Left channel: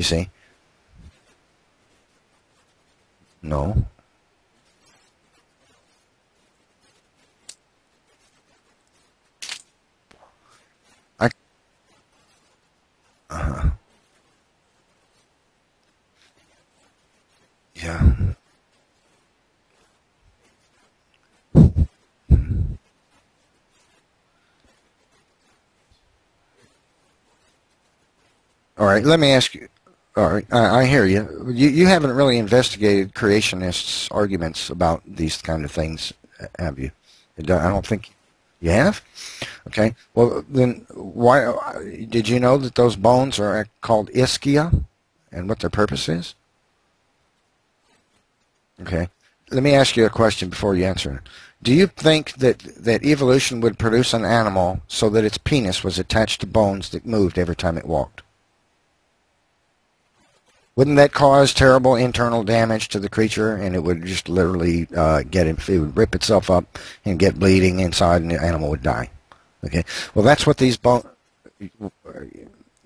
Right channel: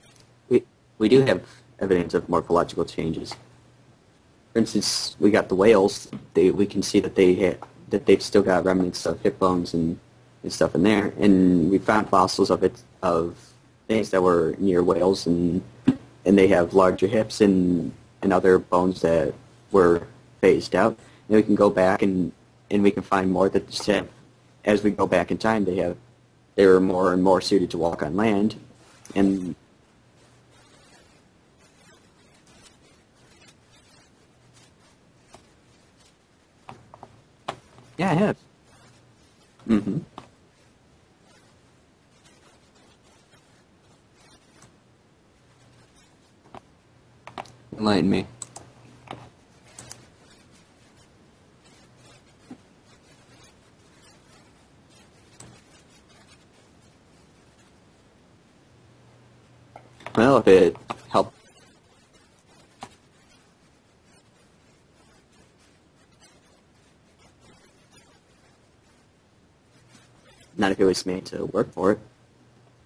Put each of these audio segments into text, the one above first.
You see? We do have evidence of morphological changes. No. For instance, we got the whales. We can see that they've still got remnants of hip bones and stuff in there. And we found fossils of things that were near whales, and they have larger hips and other bones that were phased out. And we can go back and we can find more that said, as we go back in time, they were more and more suited to walk on land. All right, let me ask you. All right, I hear you. You haven't really investigated creationists' arguments about these kind of things, have you? I don't think. Yeah, I have. You have? Okay. Well, then why did you know that those bones are called ischia, and what their purpose is? Enlighten me. Okay. Let me ask you a question before you answer it. Do you think that evolution would produce an animal so that its penis was attached to bones that moved every time it walked? Well, wouldn't that cause terrible internal damage to the creature, and it would just literally it would rip itself up and get bleeding inside, and the animal would die? Okay. Well, that's what these bones made to work for it.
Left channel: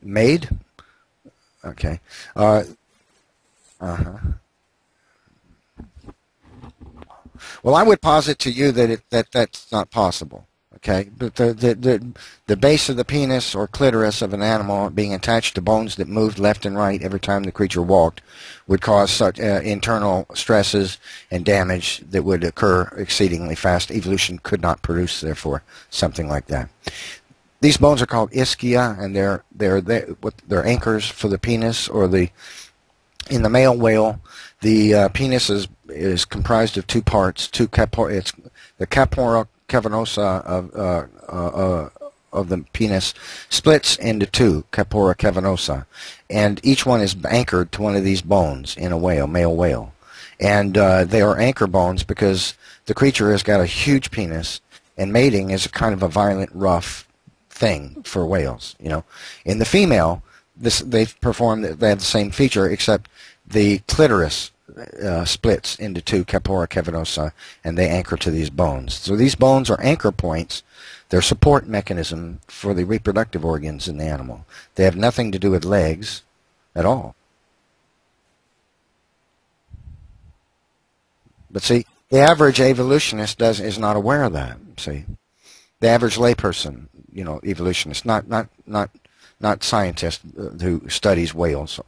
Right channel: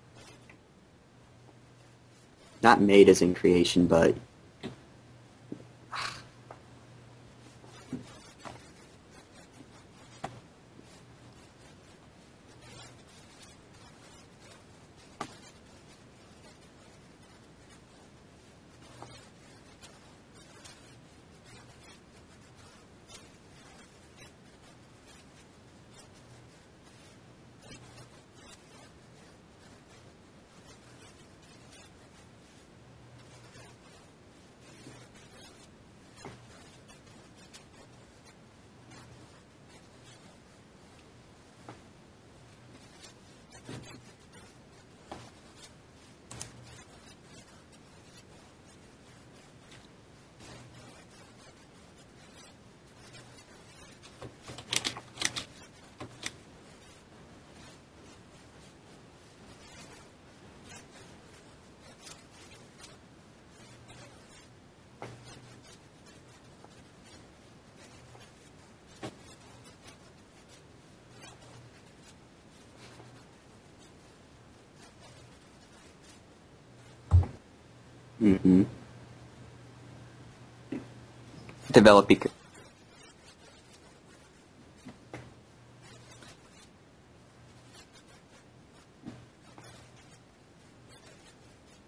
Made? Okay. Not made as in creation, but. Well, I would posit to you that that's not possible. Okay, but the base of the penis or clitoris of an animal being attached to bones that moved left and right every time the creature walked would cause such internal stresses and damage that would occur exceedingly fast. Evolution could not produce, therefore, something like that. These bones are called ischia, and they're anchors for the penis, or in the male whale, the penis is comprised of two parts. It's the capora cavernosa of the penis splits into two, capora cavernosa, and each one is anchored to one of these bones in a whale, male whale. And they are anchor bones because the creature has got a huge penis, and mating is a kind of a violent, rough thing for whales. In the female, they have the same feature, except the clitoris splits into two, capora cavernosa, and they anchor to these bones. So these bones are anchor points. They're support mechanism for the reproductive organs in the animal. They have nothing to do with legs at all. Mm-hmm. But see, the average evolutionist is not aware of that. See, the average layperson, evolutionist, not scientist who studies whales,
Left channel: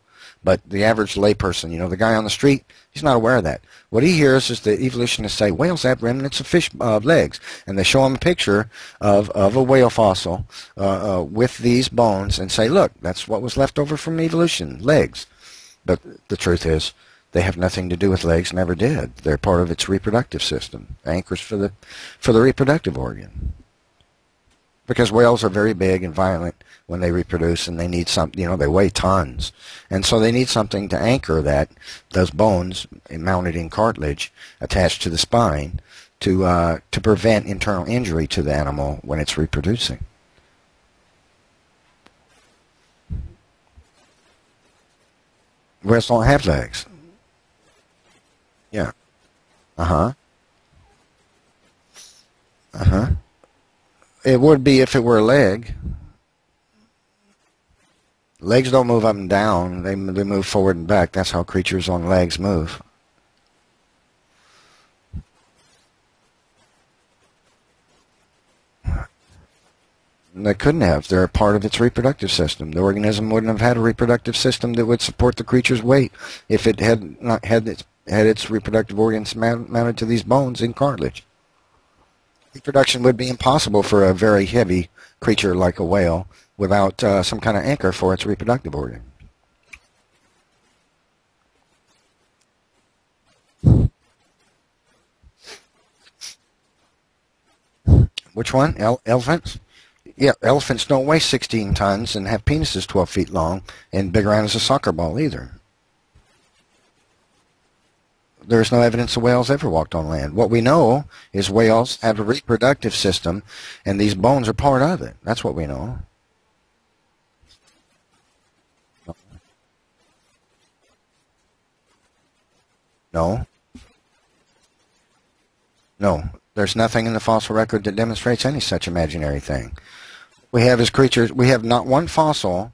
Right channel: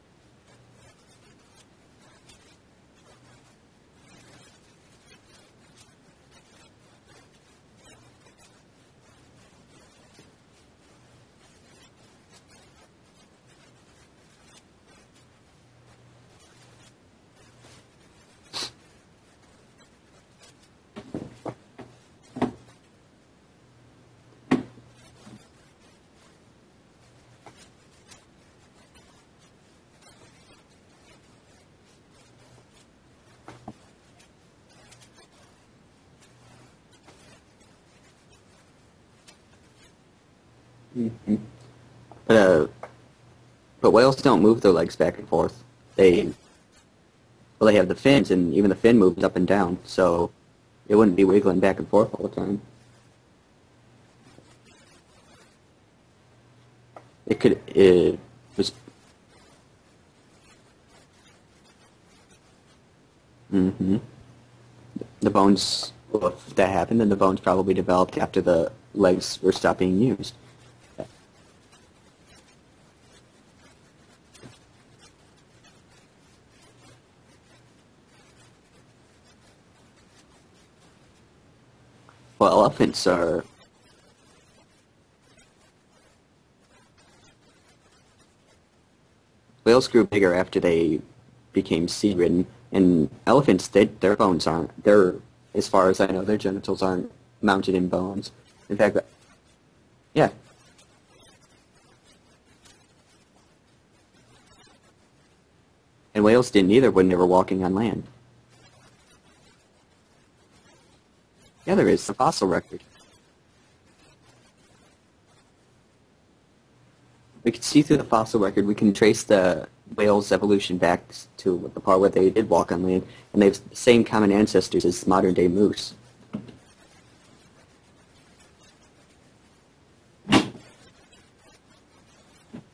but the average layperson, the guy on the street, he's not aware of that. What he hears is the evolutionists say whales have remnants of fish legs, and they show him a picture of a whale fossil with these bones and say, look, that's what was left over from evolution, legs. But the truth is, they have nothing to do with legs, never did. They're part of its reproductive system, anchors for the reproductive organ. Because whales are very big and violent when they reproduce, and they need something, they weigh tons. And so they need something to anchor those bones mounted in cartilage attached to the spine to prevent internal injury to the animal when it's reproducing. Mm-hmm. But whales don't move their legs back and forth. Whales don't have legs. Well, they have the fins, and even the fin moves up and down, so it wouldn't be wiggling back and forth all the time. It would be if it were a leg. It could. Legs don't move up and down. They move forward and back. That's how creatures on legs move. Mm-hmm. The bones. Well, if that happened, then the bones probably developed after the legs were stopped being used. They couldn't have. They're a part of its reproductive system. The organism wouldn't have had a reproductive system that would support the creature's weight if it had not had its reproductive organs mounted to these bones in cartilage. Well, reproduction would be impossible for a very heavy creature like a whale without some kind of anchor for its reproductive organ. Whales grew bigger after they became sea-ridden, and elephants, their bones aren't. As far as I know, their genitals aren't mounted in bones. Which one? Elephants? Yeah, elephants don't weigh 16 tons and have penises 12 feet long and big around as a soccer ball either. And whales didn't either when they were walking on land. There's no evidence the whales ever walked on land. What we know is whales have a reproductive system, and these bones are part of it. That's what we know. We can see through the fossil record, we can trace the whales' evolution back to the part where they did walk on land. No. And they have the same common ancestors as modern-day moose. No. There's nothing in the fossil record that demonstrates any such imaginary thing. We have as creatures, we have not one fossil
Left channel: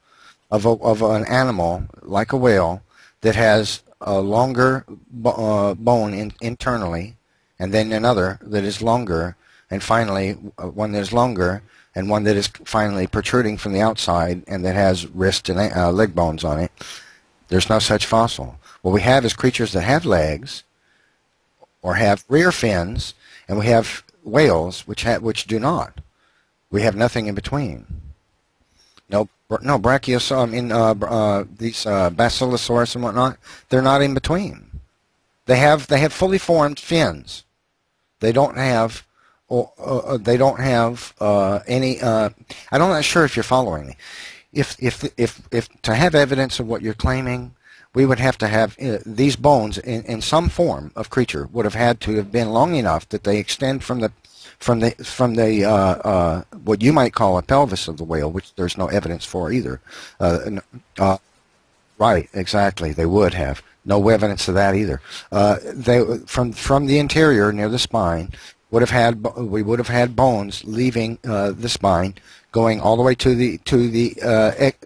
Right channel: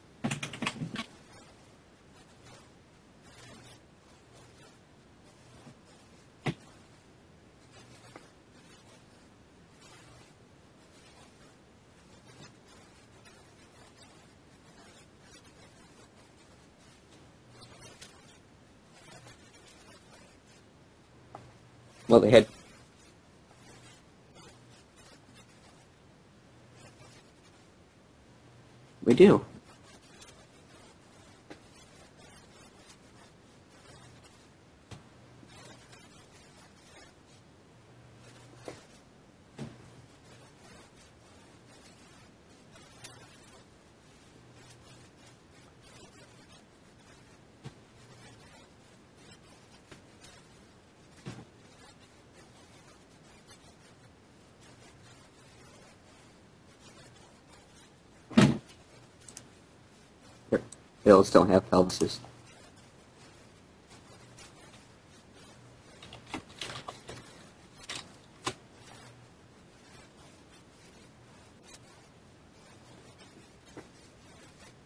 of an animal like a whale, that has a longer bone internally, and then another that is longer, and finally one that is longer, and one that is finally protruding from the outside, and that has wrist and leg bones on it. There's no such fossil. What we have is creatures that have legs, or have rear fins, and we have whales which do not. We have nothing in between. We do. No, Brachiosaurus, these Basilosaurus and whatnot, they're not in between. They have fully formed fins. They don't have any. I'm not sure if you're following me. If to have evidence of what you're claiming, we would have to have these bones in some form of creature would have had to have been long enough that they extend from the what you might call a pelvis of the whale, which there's no evidence for either. Whales don't have pelvises. Right, exactly. They would have. No evidence of that either. From the interior near the spine, we would have had bones leaving the spine, going all the way to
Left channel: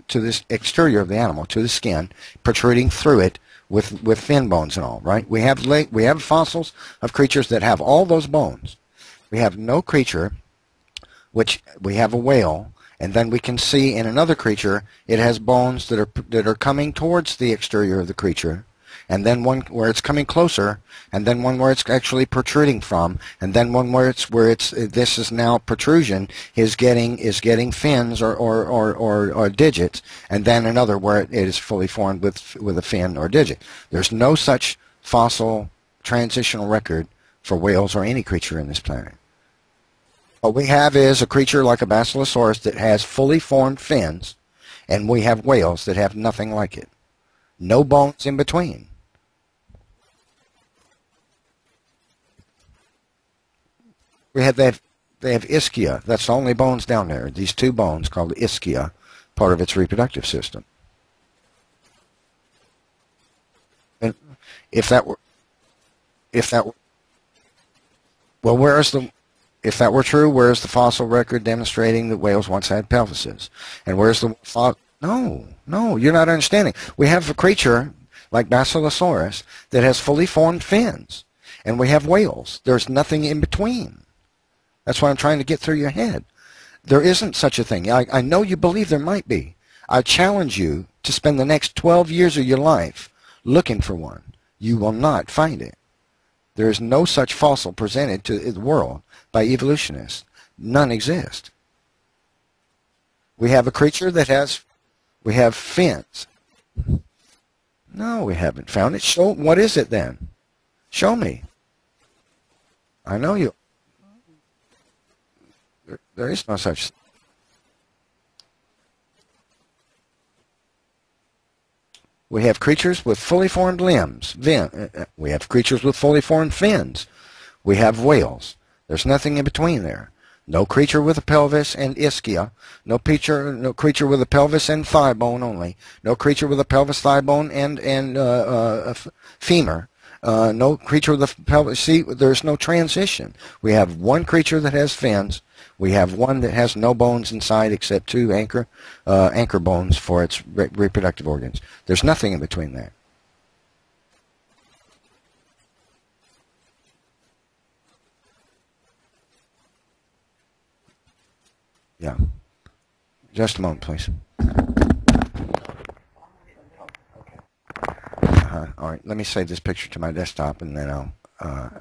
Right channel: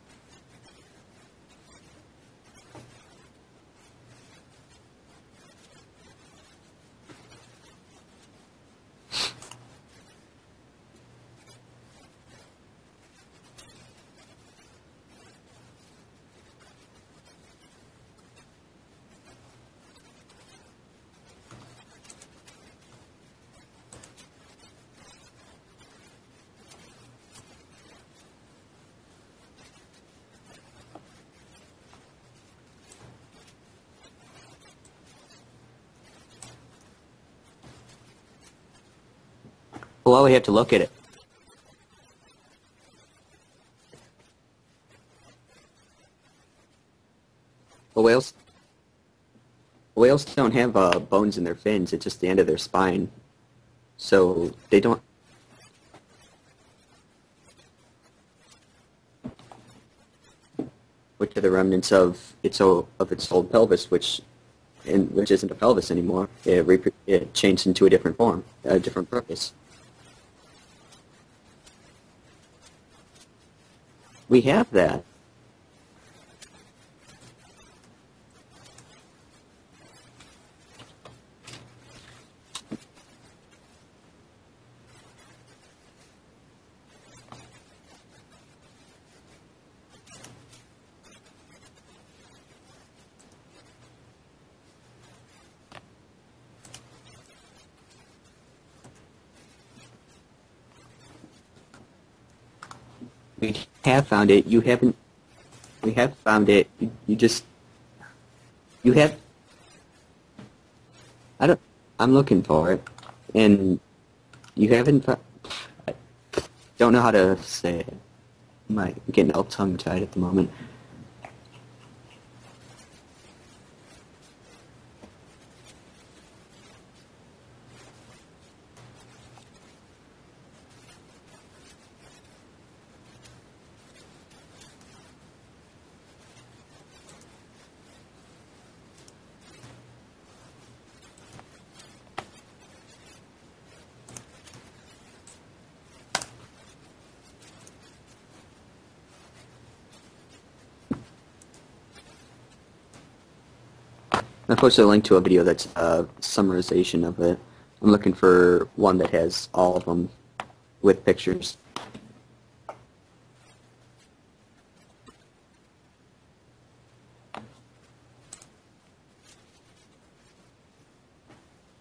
this exterior of the animal, to the skin, protruding through it with fin bones and all. Right. We have fossils of creatures that have all those bones. We have no creature, which we have a whale, and then we can see in another creature it has bones that are coming towards the exterior of the creature, and then one where it's coming closer, and then one where it's actually protruding from, and then one where this is now protrusion is getting fins or digits, and then another where it is fully formed with a fin or digit. There's no such fossil transitional record for whales or any creature in this planet. Well, what we have is a creature like a Basilosaurus that has fully formed fins, and we have whales that have nothing like it. No bones in between. Whales don't have bones in their fins. It's just the end of their spine. So they don't. They have ischia. That's the only bones down there. These two bones called ischia, part of its reproductive system. Which are the remnants of its old pelvis, which isn't a pelvis anymore. It changed into a different form. Well, if that were true, where's the fossil record demonstrating that whales once had pelvises? And where's the we have that? No, you're not understanding. We have a creature like Basilosaurus that has fully formed fins, and we have whales. There's nothing in between. That's what I'm trying to get through your head. There isn't such a thing. I know you believe there might be. I challenge you to spend the next 12 years of your life looking for one. You will not find it. There is no such fossil presented to the world by evolutionists. None exist. We have a creature that has. We have fins. You have found it. You just. No, we haven't found it. What is it then? Show me. I'm looking for it. I know and you haven't. There is no such. Don't know how to say it. I'm getting all tongue-tied at the moment. We have creatures with fully formed limbs. We have creatures with fully formed fins. We have whales. There's nothing in between there. No creature with a pelvis and ischia. No creature with a pelvis and thigh bone only. No creature with a pelvis, thigh bone, and femur. No creature with a pelvis. See, there's no transition. We have one creature that has fins. We have one that has no bones inside except two anchor bones for its reproductive organs. There's nothing in between that. I posted a link to a video that's a summarization of it. I'm looking for one that has all of them with pictures. Yeah. Just a moment, please. All right, let me save this picture to my desktop, and then I'll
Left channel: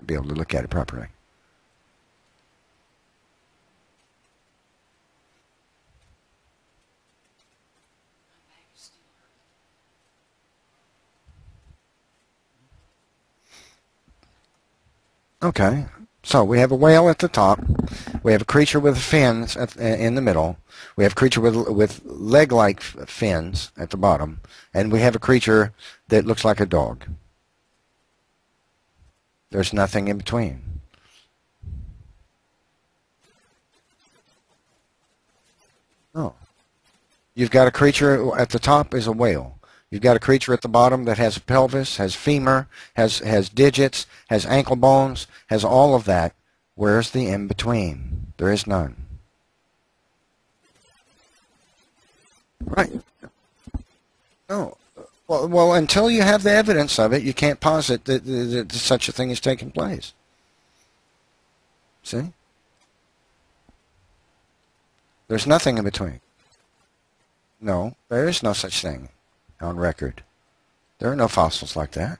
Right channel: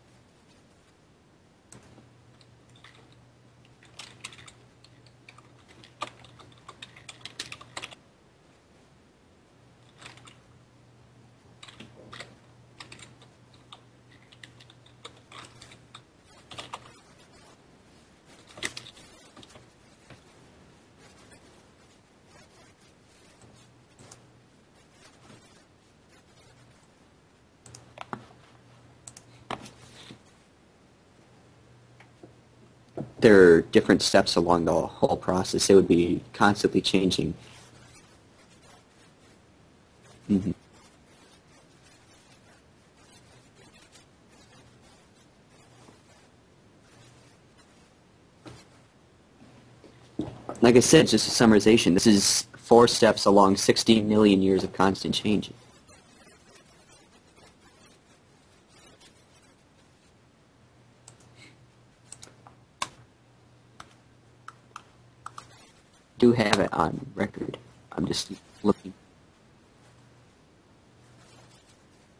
be able to look at it properly. Okay, so we have a whale at the top. We have a creature with fins in the middle. We have a creature with leg-like fins at the bottom. And we have a creature that looks like a dog. There's nothing in between. There are different steps along the whole process. It would be constantly changing. You've got a creature at the top is a whale. You've got a creature at the bottom that has a pelvis, has femur, has digits, has ankle bones, has all of that. Where's the in-between? There is none. Like I said, it's just a summarization. This is 4 steps along 16 million years of constant change. Well, until you have the evidence of it, you can't posit that such a thing is taking place. See? There's nothing in between. Do have it on record. No, there is no such thing on record. There are no fossils like that.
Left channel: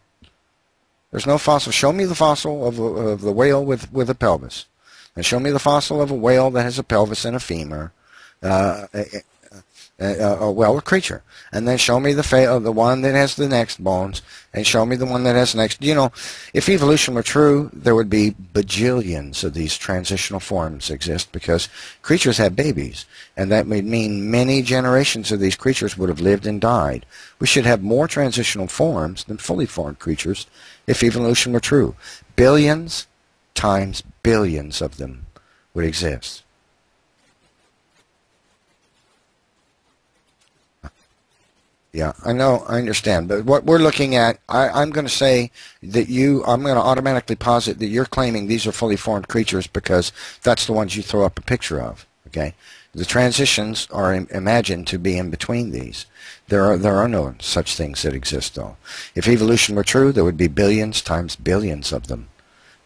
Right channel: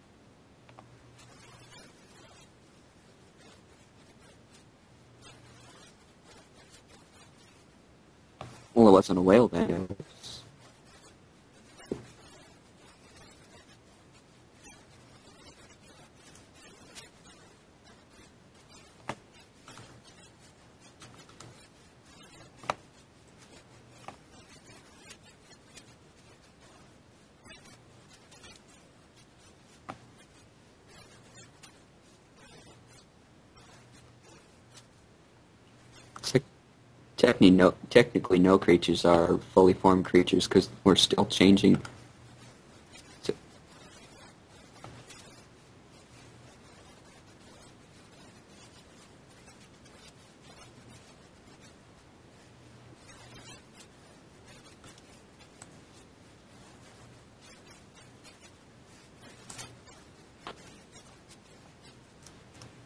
There's no fossil. Show me the fossil of the whale with a pelvis. And show me the fossil of a whale that has a pelvis and a femur. Well, it wasn't a whale then. Well, a creature. And then show me the one that has the next bones, and show me the one that has next. You know, if evolution were true, there would be bajillions of these transitional forms exist because creatures have babies, and that would mean many generations of these creatures would have lived and died. We should have more transitional forms than fully formed creatures if evolution were true. Billions times billions of them would exist. Technically, no creatures are fully formed creatures because we're still changing. Yeah, I know, I understand. But what we're looking at, I'm going to say that I'm going to automatically posit that you're claiming these are fully formed creatures because that's the ones you throw up a picture of. Okay, the transitions are imagined to be in between these. There are no such things that exist, though. If evolution were true, there would be billions times billions of them.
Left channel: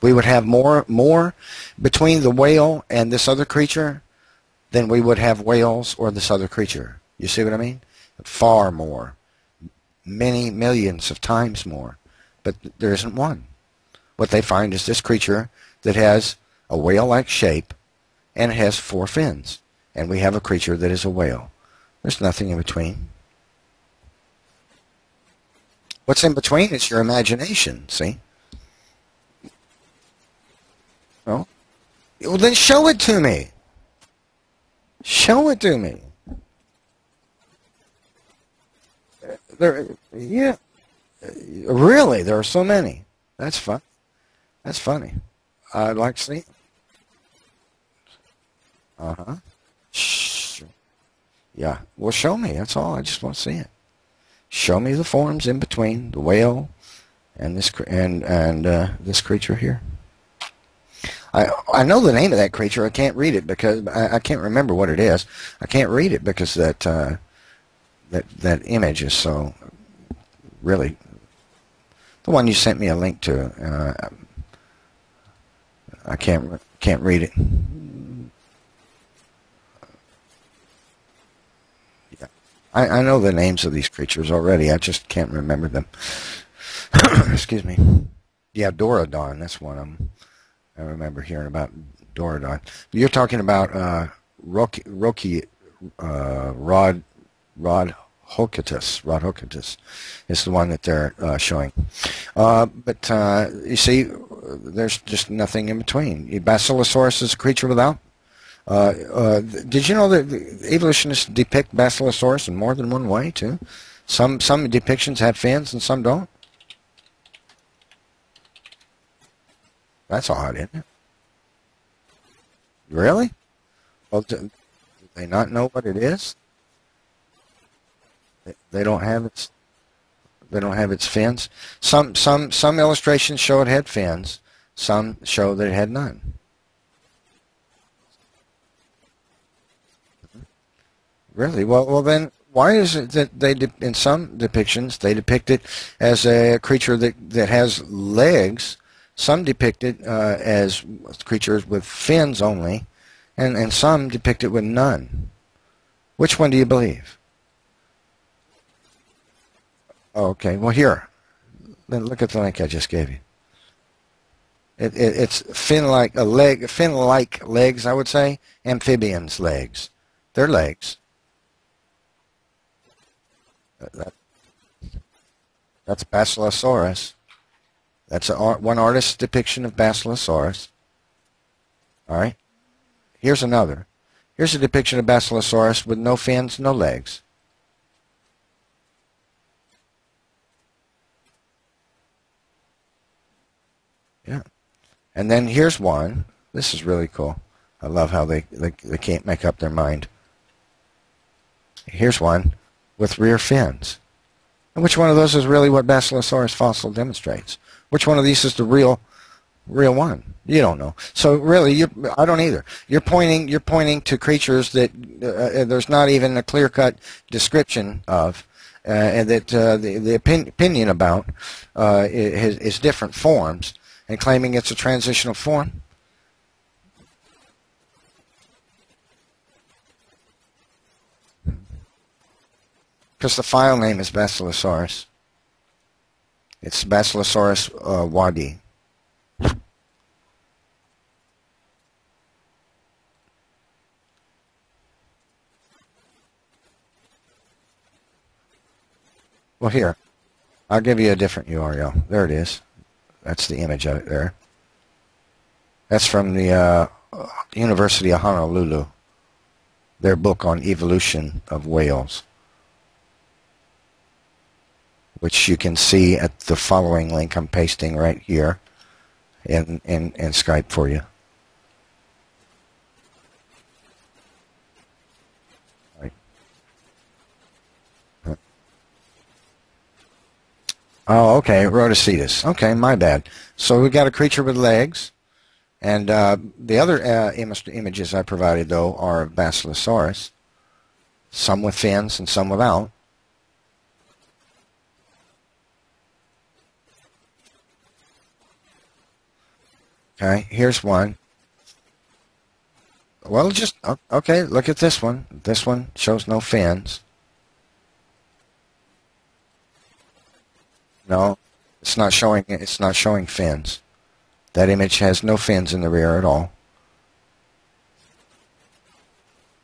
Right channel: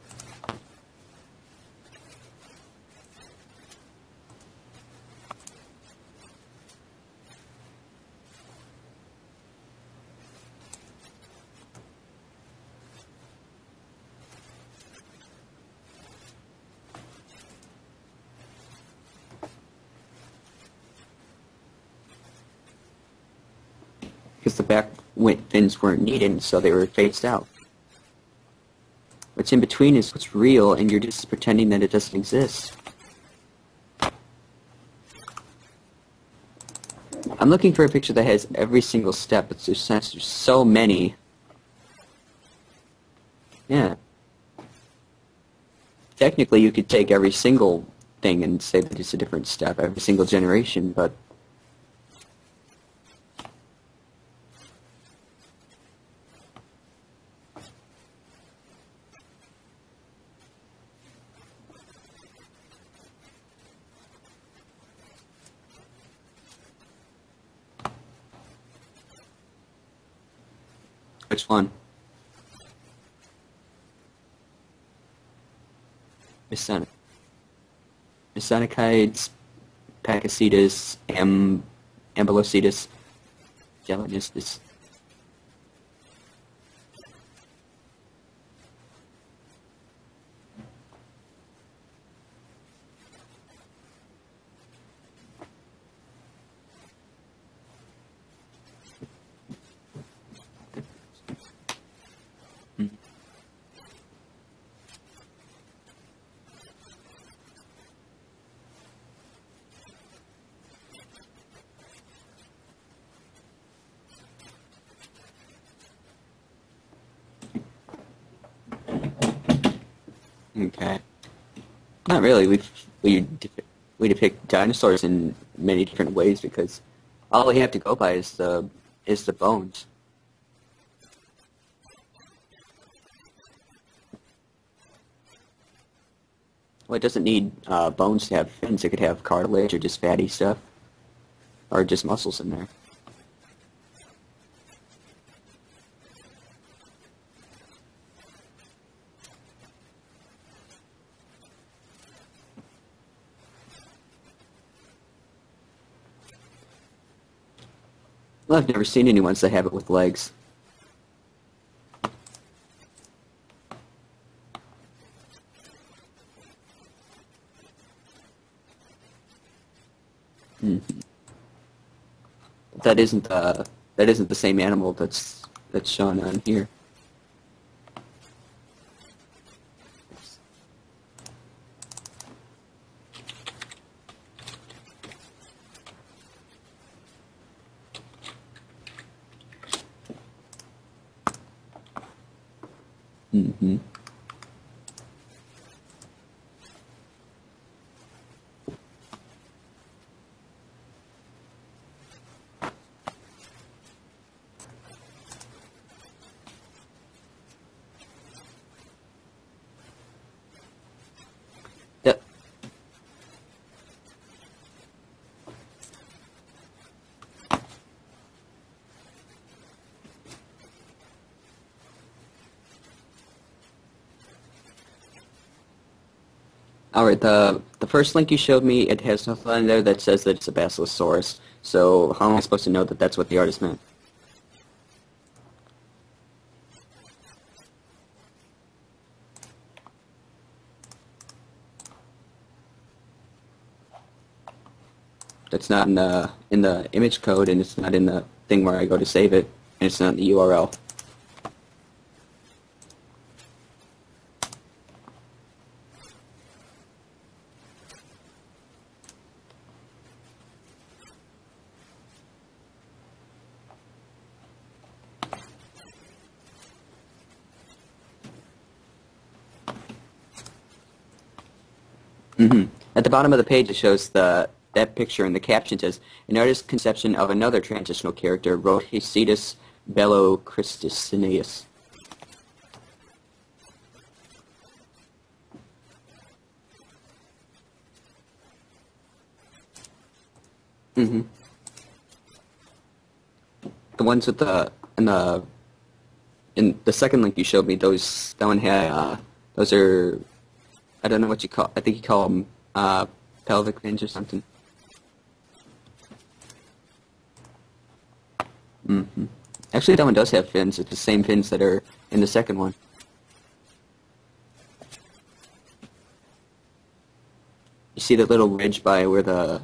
We would have more between the whale and this other creature than we would have whales or this other creature. You see what I mean? Far more. Many millions of times more. But there isn't one. What they find is this creature that has a whale-like shape and it has 4 fins. And we have a creature that is a whale. There's nothing in between. Because the back fins weren't needed. What's in between so is your imagination, see? What's in between is what's real, and you're just pretending that it doesn't exist. Well, then show it to me. Show it to me. I'm looking for a picture that has every single step, but there's so many. Really? There are so many? That's funny. Yeah. That's funny. I'd like to see. Technically, you could take every single thing and say that it's a different step, every single generation, but... Yeah. Well, show me. That's all. I just want to see it. Show me the forms in between the whale and this this creature here. I know the name of that creature. I can't read it because I can't remember what it is. I can't read it because that image is so really. Which one? The one you sent me a link to. I can't read it. Mesonichides, Pakicetus, Ambulocetus. I know the names of these creatures already. I just can't remember them. Excuse me. Yeah, Dorodon. That's one of them. I remember hearing about Dorodon. You're talking about Rodhocatus. Rodhocatus is the one that they're showing. But you see, there's just nothing in between. Basilosaurus is a creature without. Did you know that evolutionists depict Basilosaurus in more than one way too? Some depictions have fins and some don't. That's odd, isn't it? Not really. We depict dinosaurs in many different ways because all we have to go by is the bones. They don't have its fins. Some illustrations show it had fins. Some show that it had none. Well, it doesn't need bones to have fins. It could have cartilage or just fatty stuff. Really? Well then, why is it that in some depictions they depict it as a creature that has legs? Some depict it as creatures with fins only, and some depict it with none. Which one do you believe? Well, I've never seen any ones that have it with legs. Oh, okay. Well, here. Then look at the link I just gave you. It's fin-like legs, I would say. Amphibians' legs. They're legs. That isn't the same animal that's shown. That's Basilosaurus. That's one artist's depiction of Basilosaurus. All right. Here's another. Here's a depiction of Basilosaurus with no fins, no legs. Mm-hmm. Yeah. And then here's one. This is really cool. I love how they can't make up their mind. Here's one with rear fins. And which one of those is really what Basilosaurus fossil demonstrates? Which one of these is the real Real one. You don't know. So really, Yeah. I don't either. You're pointing to creatures that there's not even a clear-cut description of, and that the opinion about is different forms, and claiming it's a transitional form. All right, the first link you showed me, it has nothing on there that says that it's a Basilosaurus. So how am I supposed to know that that's what Because the the article? file name is Basilosaurus. It's Basilosaurus wadi. That's not in the image code, and it's not in the thing where I go to save it. Well, here. It's not in the URL. I'll give you a different URL. There it is. That's the image of it there. That's from the University of Honolulu. Their book on evolution of whales, which you can see at the following link I'm pasting right here in Skype for you. Mm-hmm. At the bottom of the page, it shows that picture, and the caption says, "An artist's conception of another transitional character, Rhodocetus belocristus." Oh, okay, Rhodocetus. Okay, my bad. So we got a creature with legs, and the other images I provided, though, are of Basilosaurus. Mm-hmm. Some with fins and some without. The ones with in the second link you showed me, that one had those are. Okay, here's one. I don't know what you call. I think you call them. Well, just okay. Look at this one. This one shows no fins. Mm-hmm. Actually, that one does have fins. It's the same fins that are. It's not in showing. the second one. It's not showing fins. That image has no fins in the rear at all. You see that little ridge by where the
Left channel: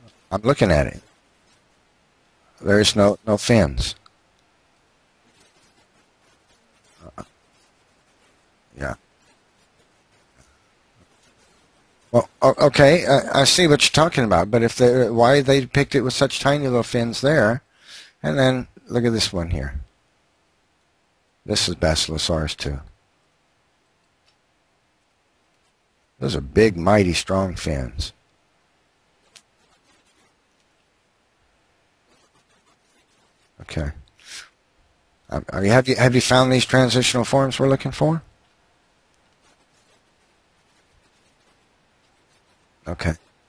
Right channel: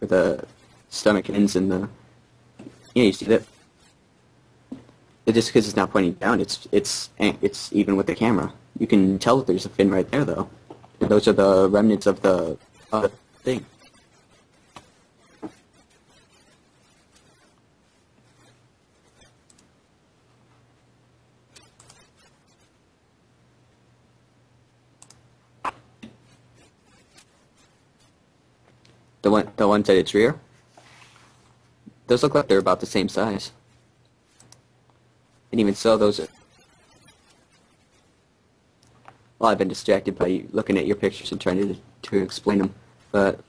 I'm looking at it. stomach ends and the. There's Yeah, no you see no that? fins. Just because it's not pointing down, it's even with the camera. You Yeah. can tell that there's a fin right there, though. And those are the remnants of the. Okay, I see what you're talking about. But if why they picked it with such tiny little fins there, and then look at this one here. This is Basilosaurus too. Those are big, mighty, strong fins. The ones at its rear. Those look like they're about the same size. Okay. Even Have so, you those found these transitional forms we're looking for? Well, I've been distracted by looking at your pictures and trying to explain them. Okay. But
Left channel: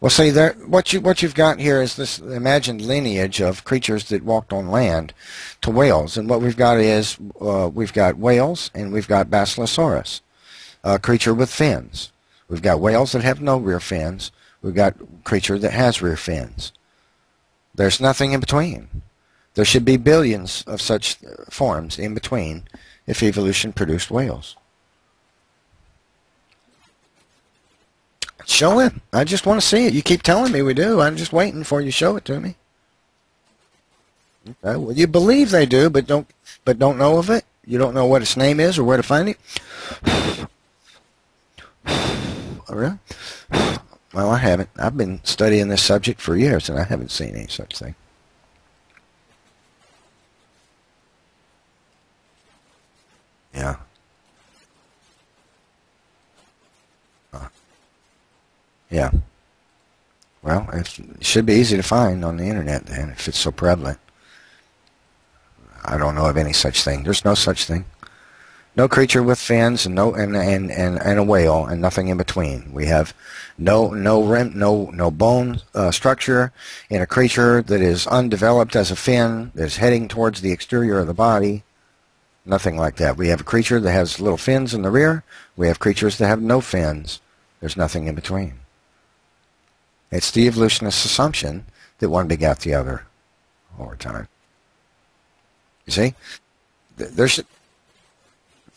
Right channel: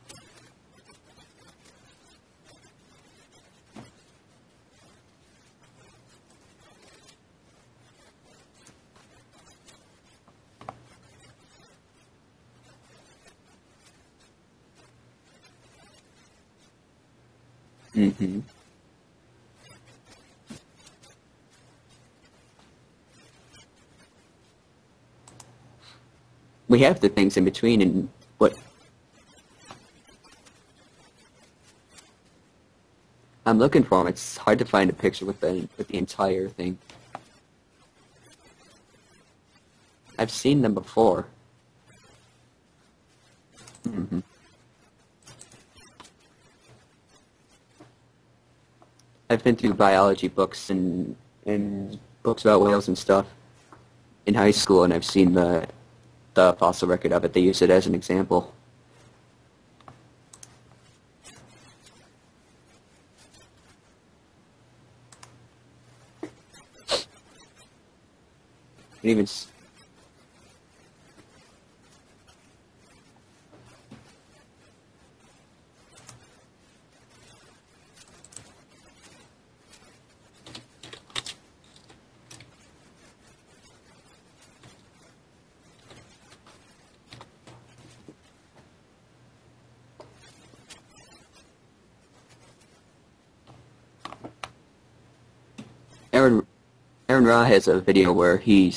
Well, see, what you've got here is this imagined lineage of creatures that walked on land to whales, and what we've got is we've got whales and we've got Basilosaurus, a creature with fins. We've got whales that have no rear fins. We've got creature that has rear fins. There's nothing in between. There should be billions of such forms in between if evolution produced whales. we have the things in between, and Show it. I just want to see it. You keep telling me we do. I'm just waiting for you to show it to me. I'm looking for them. It's hard to find. You believe they do, but entire thing. don't know of it. You don't know what its name is or where to find it. I've seen them before. Oh, really? Well, I haven't. I've been studying this subject for years, and I haven't seen any such thing. I've been through biology books and books about whales and stuff Yeah. in high school, and I've seen the fossil record of it. They use it as an example. Yeah. Well, it should be easy to find on the internet then, if it's so prevalent. I don't know of any such thing. There's no such thing. No creature with fins and and a whale and nothing in between. We have no bone structure in a creature that is undeveloped as a fin, that is heading towards the exterior of the body. Nothing like that. We have a creature that has little fins in the rear. We have creatures that have no fins. There's nothing in between. It's the evolutionist assumption that one begat the other over time. You see? Aaron Ra has a video where he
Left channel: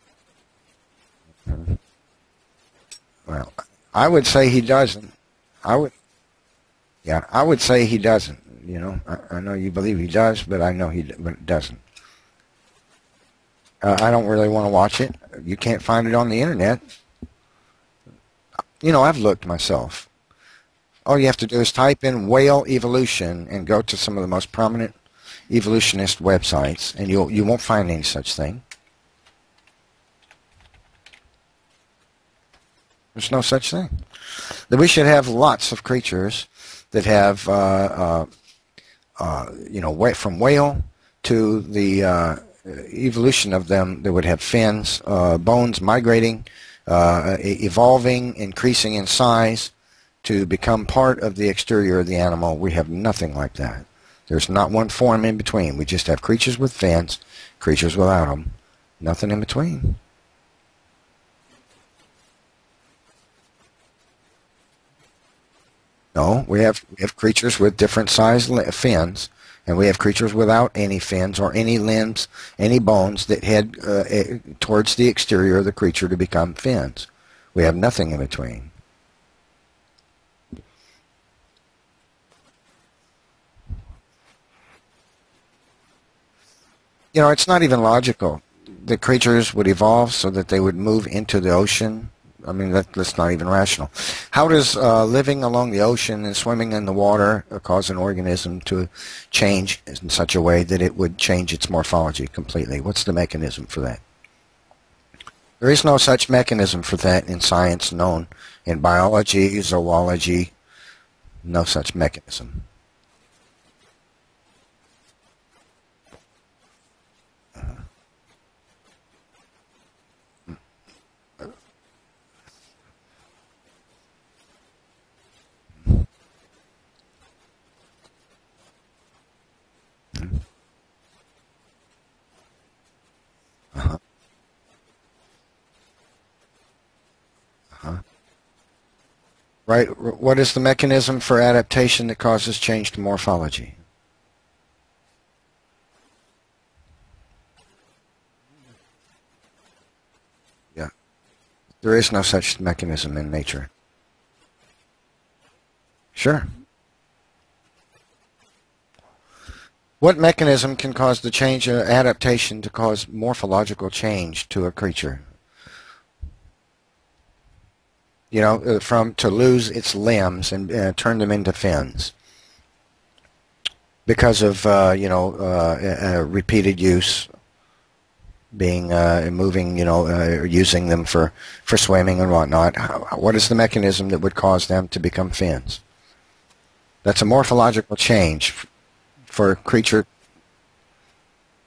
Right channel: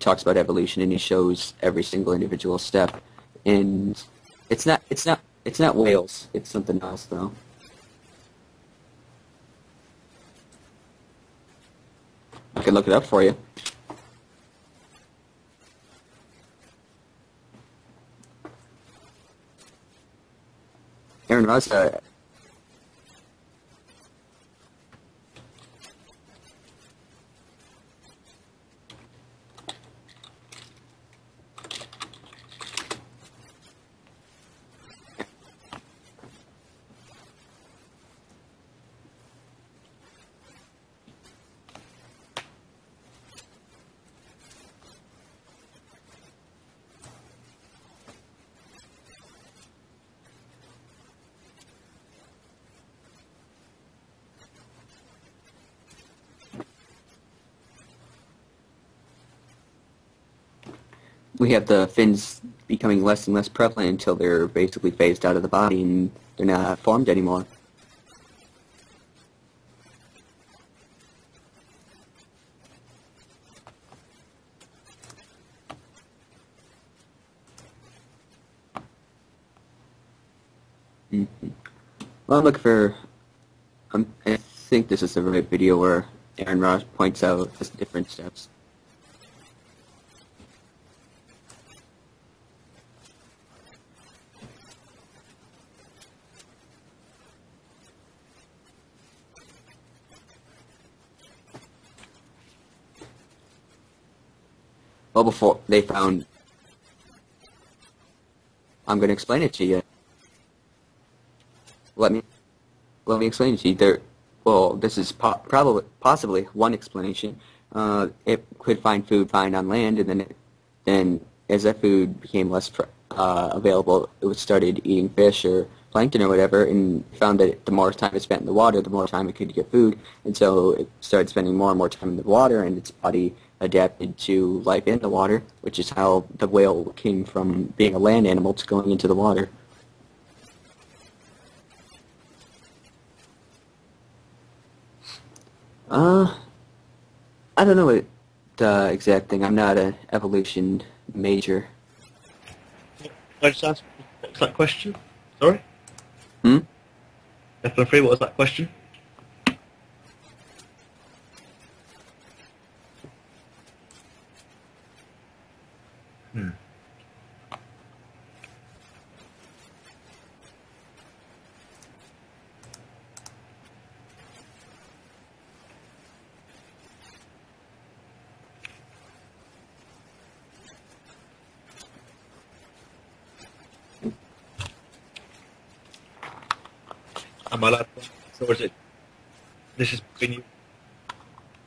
talks about evolution, and he shows every single individual step. Well, and I would say he doesn't. It's not whales. It's something else. Yeah, though. I would say he doesn't. You know, I know you believe he does, but I know he doesn't. I can look it up for you. I don't really want to watch it. You can't find it on the internet. You know, I've looked myself. All you have to do is type in whale evolution and go to some of the most prominent evolutionist websites, and you won't find any such thing. There's no such thing. That we should have lots of creatures that have, you know, from whale to the evolution of them that would have fins, bones migrating, evolving, increasing in size to become part of the exterior of the animal. We have nothing like that. There's not one form in between. We just have creatures with fins, creatures without them, nothing in between. We have the fins becoming less and less prevalent until they're basically phased out of the body and No, they're we not have formed anymore. creatures with different size fins, and we have creatures without any fins or any limbs, any bones that head towards the exterior of the creature to become fins. We have nothing in between. Mm-hmm. Well, I'm looking for... I think this is the right video where Aaron Ross points out... It's not even logical. The creatures would evolve so that they would move into the ocean. I mean, that's not even rational. How does living along the ocean and swimming in the water cause an organism to change in such a way that it would change its morphology completely? What's the mechanism for that? Well, there is no such mechanism for that in science known. In biology, zoology, no such mechanism. Let me explain it to you. Well, this is possibly one explanation. It could find food on land, and then as that food became less available, it started eating fish or plankton or whatever, and found that the more time it spent in the water, the more time it could get food, and so it started spending more and more time in the water, and its body adapted to life in the water, which is how the whale came from being a land animal to going into the water. Right. What is the mechanism for adaptation that causes change to morphology? I don't know what the exact thing. I'm not an evolution major. There is no such mechanism in nature. What's that question? Sorry? Sure. F3, what was that question? What mechanism can cause the change, adaptation to cause morphological change to a creature? To lose its limbs and turn them into fins because of repeated use, being moving, using them for swimming and whatnot. What is the mechanism that would cause them to become fins? That's a morphological change for a creature.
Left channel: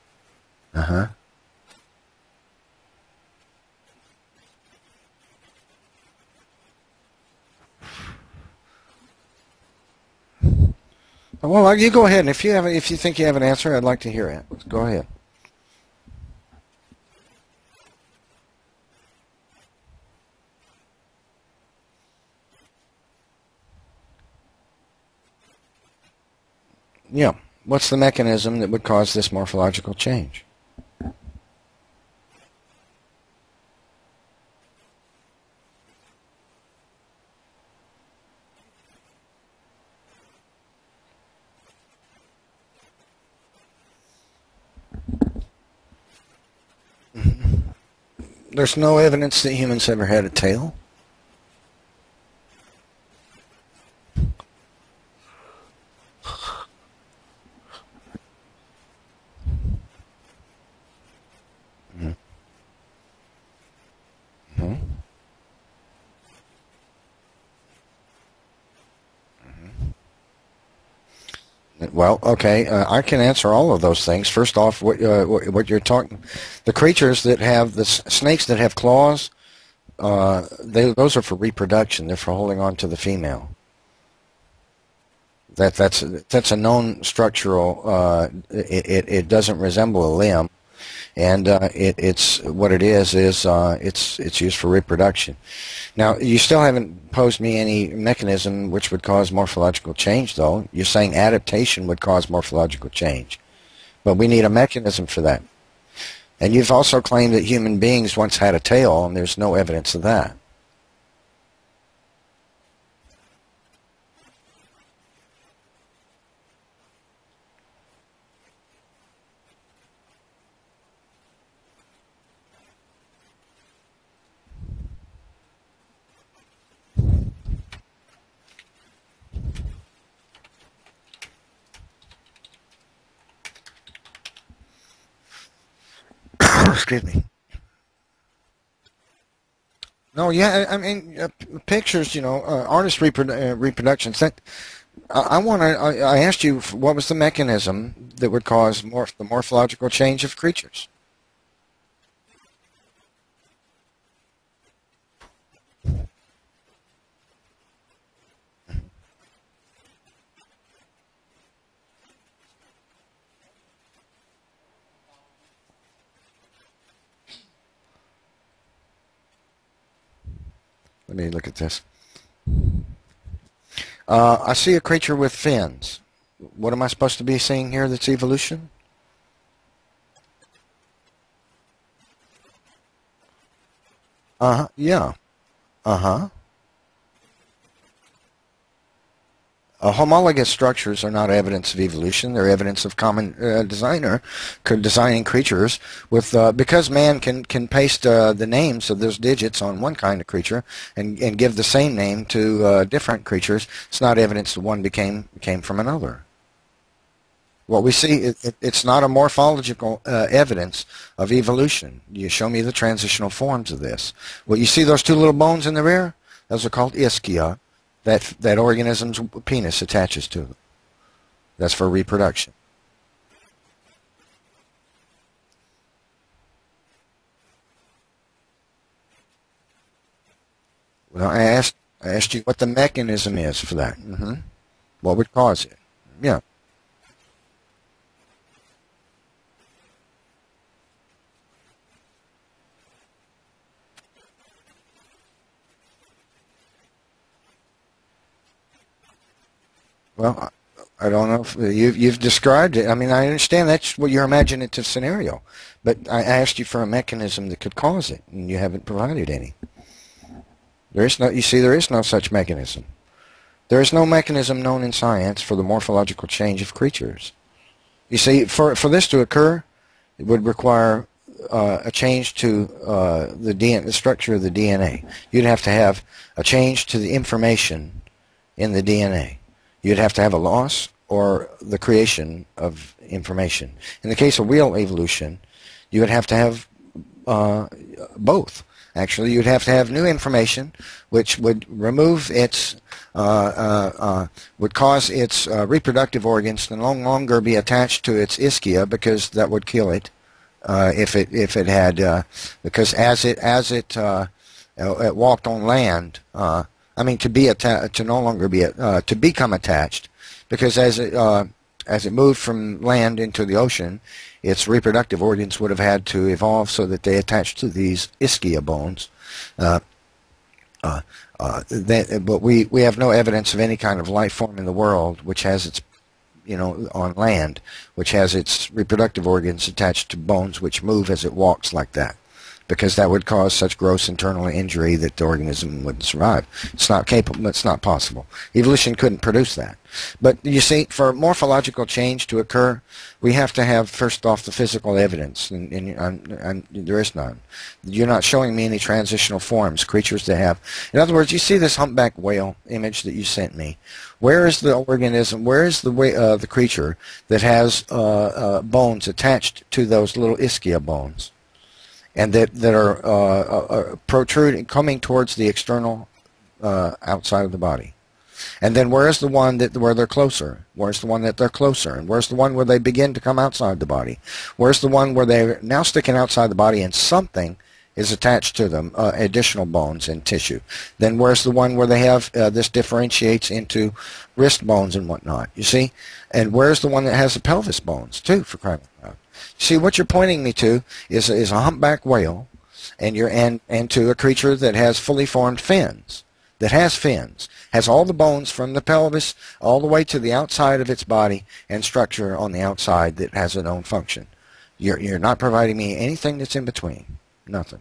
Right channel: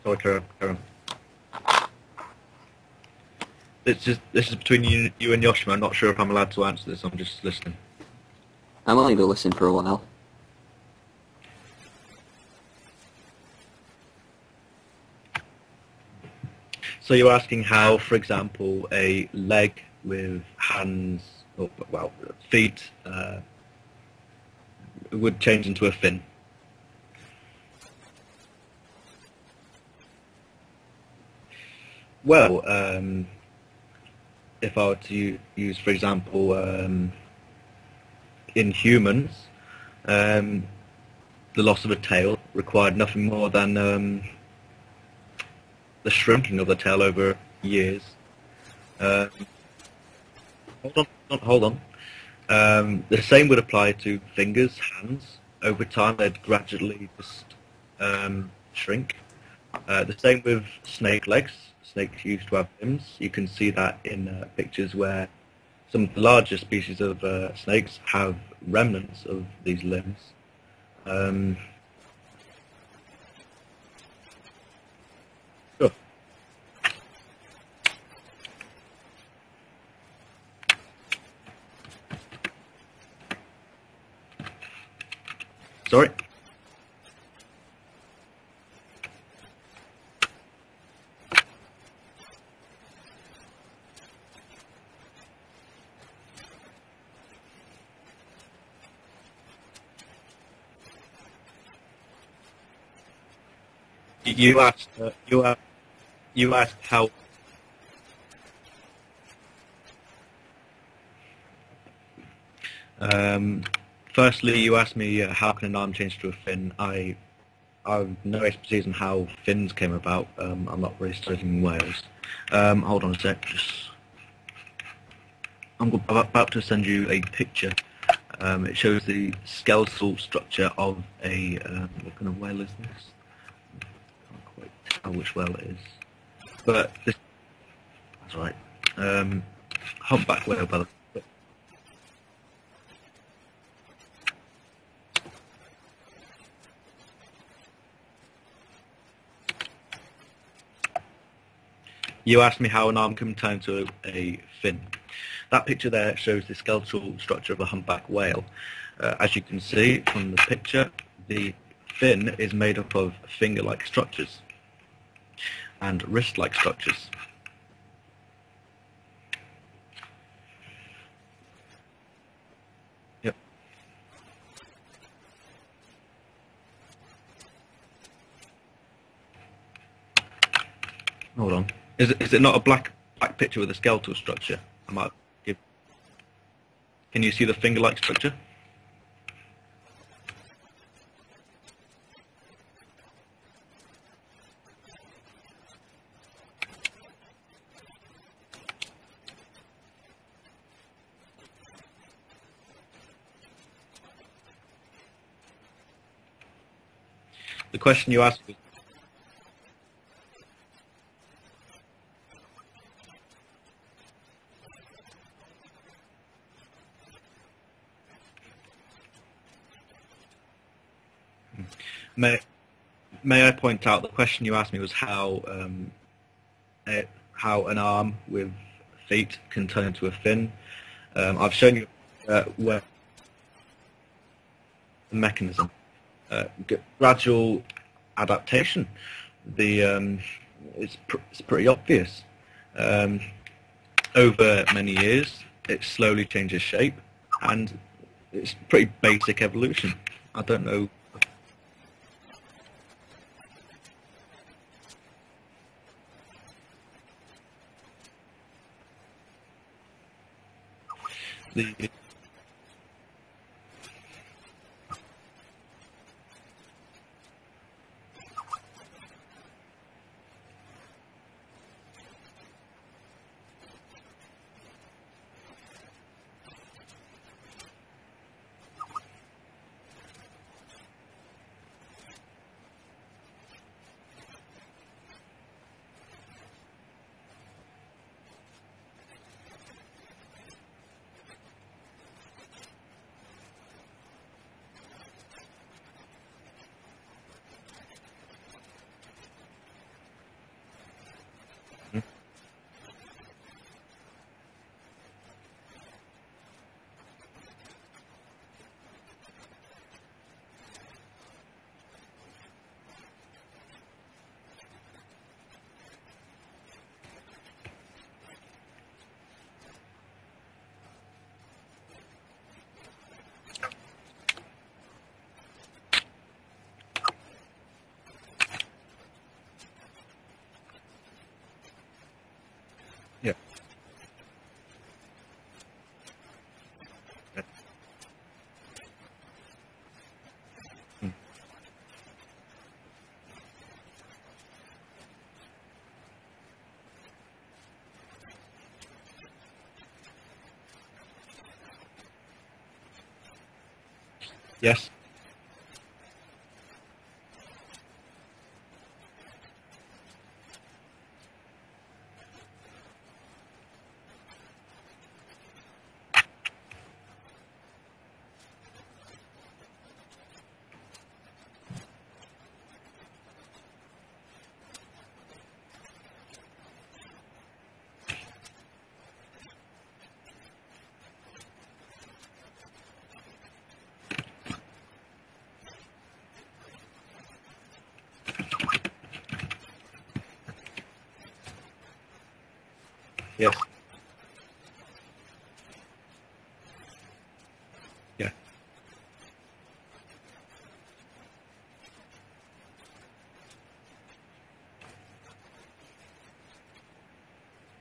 Sorry, Karen. This is between you and Yoshemo. I'm not sure if I'm allowed to answer this. I'm just listening. I'm willing to listen for a while. Well, you go ahead, and if you think you have an answer, I'd like to hear it. Go ahead. So you're asking how, for example, a leg with hands, feet, would change into a fin? Yeah. What's the mechanism that would cause this morphological change? Well, if I were to use, for example, in humans, the loss of a tail required nothing more than the shrinking of the tail over years. There's no evidence that humans ever had a tail. Hold on. The same would apply to fingers, hands. Over time, they'd gradually just shrink. The same with snake legs. Snakes used to have limbs. You can see that in pictures where some of the larger species of snakes have remnants of these limbs. Well, okay, I can answer all of those things. First off, what you're talking, the creatures that have the snakes that have claws, those are for reproduction. They're for holding on to the female. That's a known structural. It doesn't resemble a limb, and it's what it is. It's used for reproduction. Now, you still haven't posed me any mechanism which would cause morphological change, though. You're saying adaptation would cause morphological change, but we need a mechanism for that. And you've also claimed that human beings once had a tail, and there's no evidence of that. Firstly, you asked me how can an arm change to a fin. I have no expertise in how fins came about. I'm not really studying whales. Hold on a sec. I'm about to send you a picture. It shows the skeletal structure of a what kind of whale is this? I can't quite tell which whale it is. That's right. I mean, pictures. Artist reproductions. That I asked you what was the mechanism that would cause the morphological change of creatures? You asked me how an arm can turn into a fin. That picture there shows the skeletal structure of a humpback whale. As you can see from the picture, the fin is made up of finger-like structures and wrist-like structures. Let me look at this. Yep. I see a creature with fins. What am I supposed to be seeing here that's evolution? Hold on. Is it not a black picture with a skeletal structure? Uh-huh, yeah. Uh-huh. Can you see the finger-like structure? Homologous structures are not evidence of evolution. They're evidence of common designing creatures with because man can paste the names of those digits on one kind of creature and give the same name to different creatures. It's not evidence that one came from another. What we see, it's not a morphological evidence of evolution. You show me the transitional forms of this. Well, you see those two little bones in the rear? Those are called ischia. That organism's penis attaches to them. That's for reproduction. May I point out the question you asked me was how an arm with feet can turn into a fin. I asked you what the mechanism is for that. Mm-hmm. What would cause it? Yeah. Gradual adaptation. It's pretty obvious. Over many years, it slowly changes shape, and it's pretty basic evolution. Well, I don't know. I don't know if you've described it. I mean, I understand that's what your imaginative scenario, but I asked you for a mechanism that could cause it, and you haven't provided any. There is no. You see, there is no such mechanism. There is no mechanism known in science for the morphological change of creatures. You see, for this to occur, it would require a change to the structure of the DNA. You'd have to have a change to the information in the DNA. You'd have to have a loss or the creation of information. In the case of real evolution, you would have to have both. Actually, you'd have to have new information, which would remove its, would cause its reproductive organs to no longer be attached to its ischia, because that would kill it if it had, because as it walked on land. I mean, to no longer be to become attached, because as it moved from land into the ocean, its reproductive organs would have had to evolve so that they attach to these ischia bones. But we have no evidence of any kind of life form in the world which has its, on land, which has its reproductive organs attached to bones which move as it walks like that, because that would cause such gross internal injury that the organism wouldn't survive. It's not capable. It's not possible. Evolution couldn't produce that. But you see, for morphological change to occur, we have to have, first off, the physical evidence, and there is none. You're not showing me any transitional forms, creatures that have. In other words, you see this humpback whale image that you sent me. Where is the organism? Where is the creature that has bones attached to those little ischia bones, and that are protruding, coming towards the external outside of the body? And then where is the one where they're closer? Where's the one that they're closer? And where's the one where they begin to come outside the body? Where's the one where they're now sticking outside the body and something is attached to them, additional bones and tissue? Then where's the one where they have, this differentiates into wrist bones and whatnot, you see? And where's the one that has the pelvis bones, too, for crying out loud? See, what you're pointing me to is a humpback whale, and to a creature that has fully formed fins, has all the bones from the pelvis all the way to the outside of its body and structure on the outside that has a known function. You're not providing me anything that's in between. Nothing.